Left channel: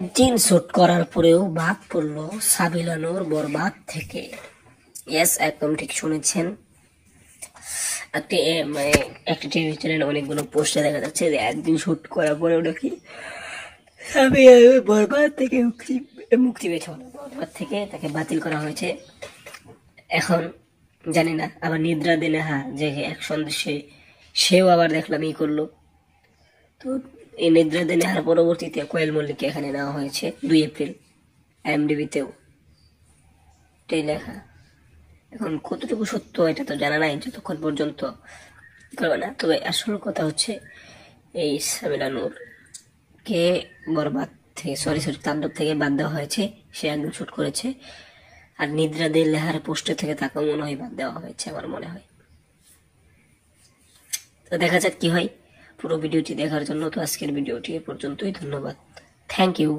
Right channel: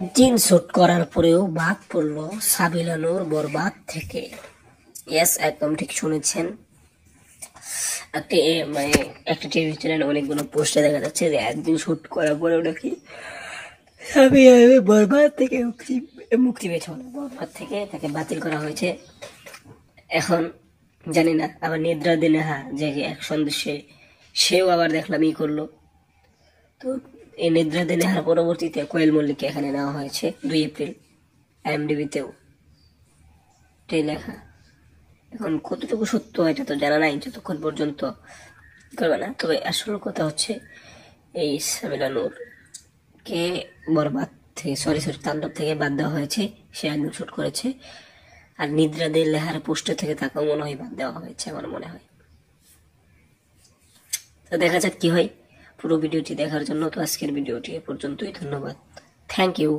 দিন শুট করার পরেও বাদ পড়লো সাবিলা নূর বরবাদ থেকে। ইয়েস, একদম ঠিক শুনেছেন। একটা টিভি চ্যানেলে অনেকগুলো পোস্টে দেখা যাচ্ছে যে একদিন শুট করার পরেও নাকি সাবিলা নূর বরবাদ থেকে মুক্তি পেয়েছে। বরবাদ থেকে তাকে বাতিল করা হয়েছে। এখন জানি না, আবার নিদ্রা দিনে যে অ্যাকশন সেও আবার দেখলাম করলো। তো এই নিদ্রা দিনে পরবর্তীতে কোয়েল মল্লিককে এখানে নেওয়া হয়েছে 2 এপ্রিল। IMDb-তেও এটাই লেখা। এখন কতটুকু সত্য এটা তো জানা নাই যতক্ষণ পর্যন্ত করবে না। তবে আসল কথা হচ্ছে এই সাবিলা নূর কে বরবাদ থেকে তাণ্ডব থেকে বাদ দেওয়া হয়েছে। সে একদম শুট করেছে। আর নিদ্রা দে লেহার পোস্টার থেকে তাকেও মনে হয় বাদ দেওয়া হয়েছে, আমার মনে হয়। তো দেখা যাক কি হয়। পুরো ভিডিওটি দেখার জন্য তো আজকের ভিডিওটি এ পর্যন্তই। ধন্যবাদ। Thank you.